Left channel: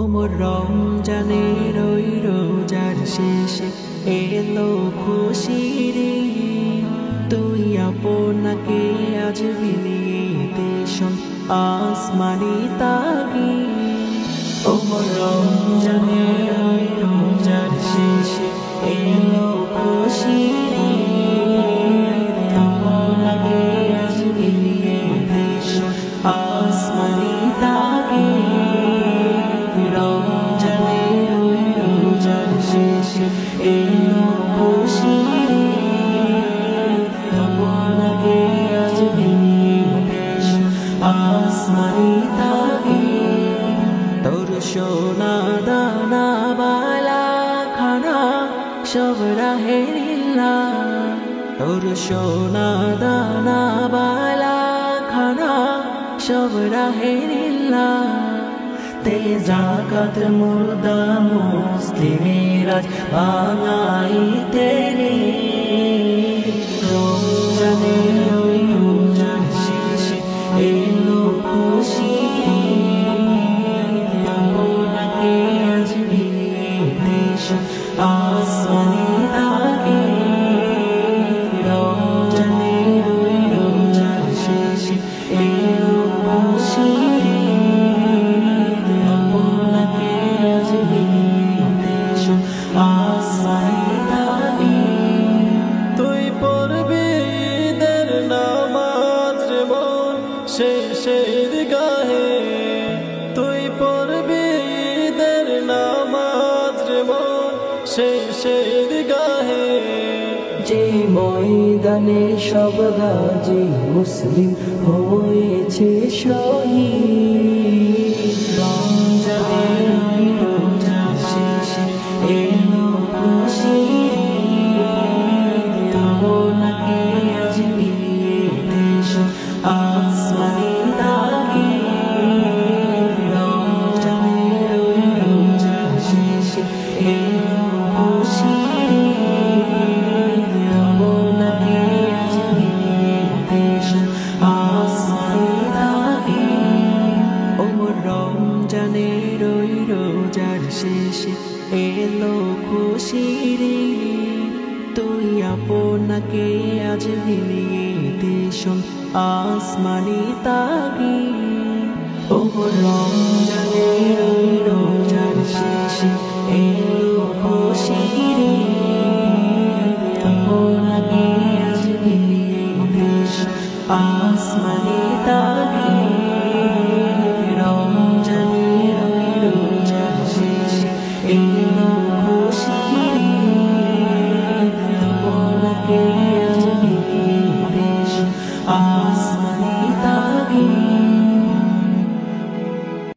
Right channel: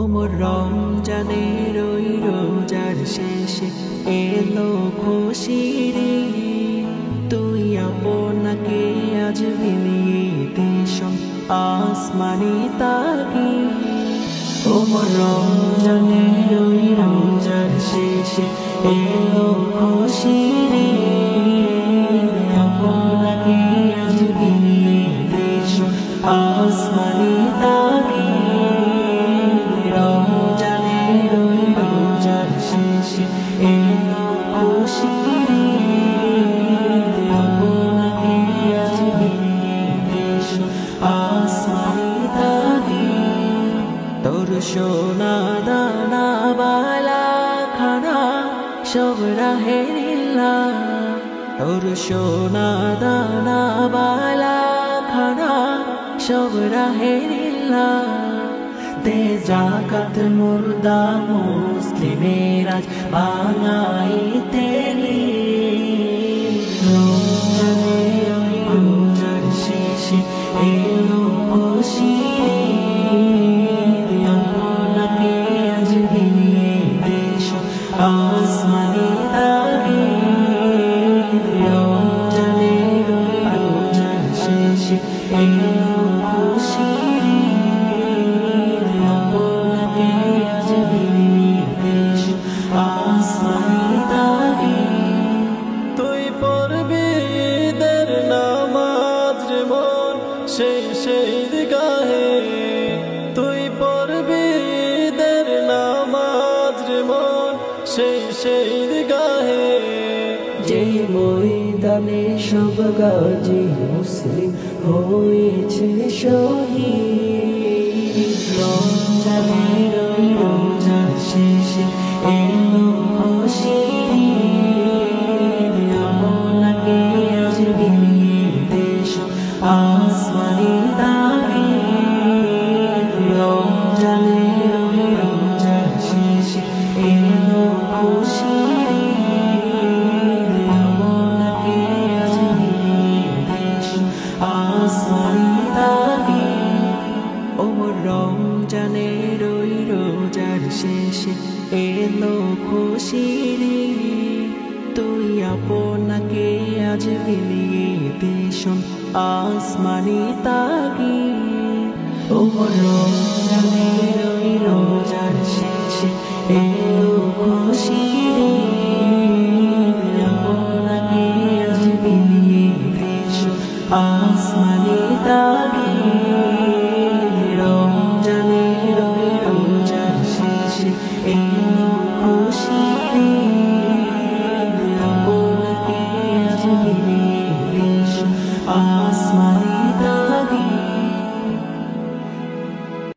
ওমর রমজানের ওই রোজার শেষে এলো খুশির ঈদ। তুই আপনাকে আজ বিলিয়ে দে শোন আসমানি তাগিদ। ওমর রমজানের ওই রোজার শেষে এলো খুশির ঈদ। আপনাকে আজ বিলিয়ে দে শোন আসমানি তাগিদ। রমজানের ওই রোজার শেষে এলো খুশির ঈদ। আপনাকে আজ বিলিয়ে দে শোন আসমানি তাগিদ। তোর সোনা দানা বালা খানা সব রাহে লিল্লাহ। তোর সোনা দানা বালা খানা সব রাহে লিল্লাহ। তে জাকাত মুর্দা মুসলিমের আজ ভাঙাইতে রমজানের ওই রোজার শেষে এলো খুশির ঈদ। আপনাকে আজ বিলিয়ে দে শোন আসমানি তাগিদ। রমজানের ওই রোজার শেষে এলো খুশির ঈদ। আপনাকে আজ বিলিয়ে দে শোন আসমানি তাগিদ। তুই পড়বি ঈদের নামাজ রে মন সেই ঈদগাহে। তুই পড়বি ঈদের নামাজ রে মন সেই ঈদগাহে। যে ময়দানে সব গাজী মুসলিম হয়েছে শহীদ। রমজানের ওই রোজার শেষে এলো খুশির ঈদ। আপনাকে আজ বিলিয়ে দে শোন আসমানি তাগিদ। রমজানের ওই রোজার শেষে এলো খুশির ঈদ। আপনাকে আজ বিলিয়ে দে শোন আসমানি তাগিদ। ওমর রমজানের ওই রোজার শেষে এলো খুশির ঈদ। তুই আপনাকে আজ বিলিয়ে দে শোন আসমানি তাগিদ। ওমর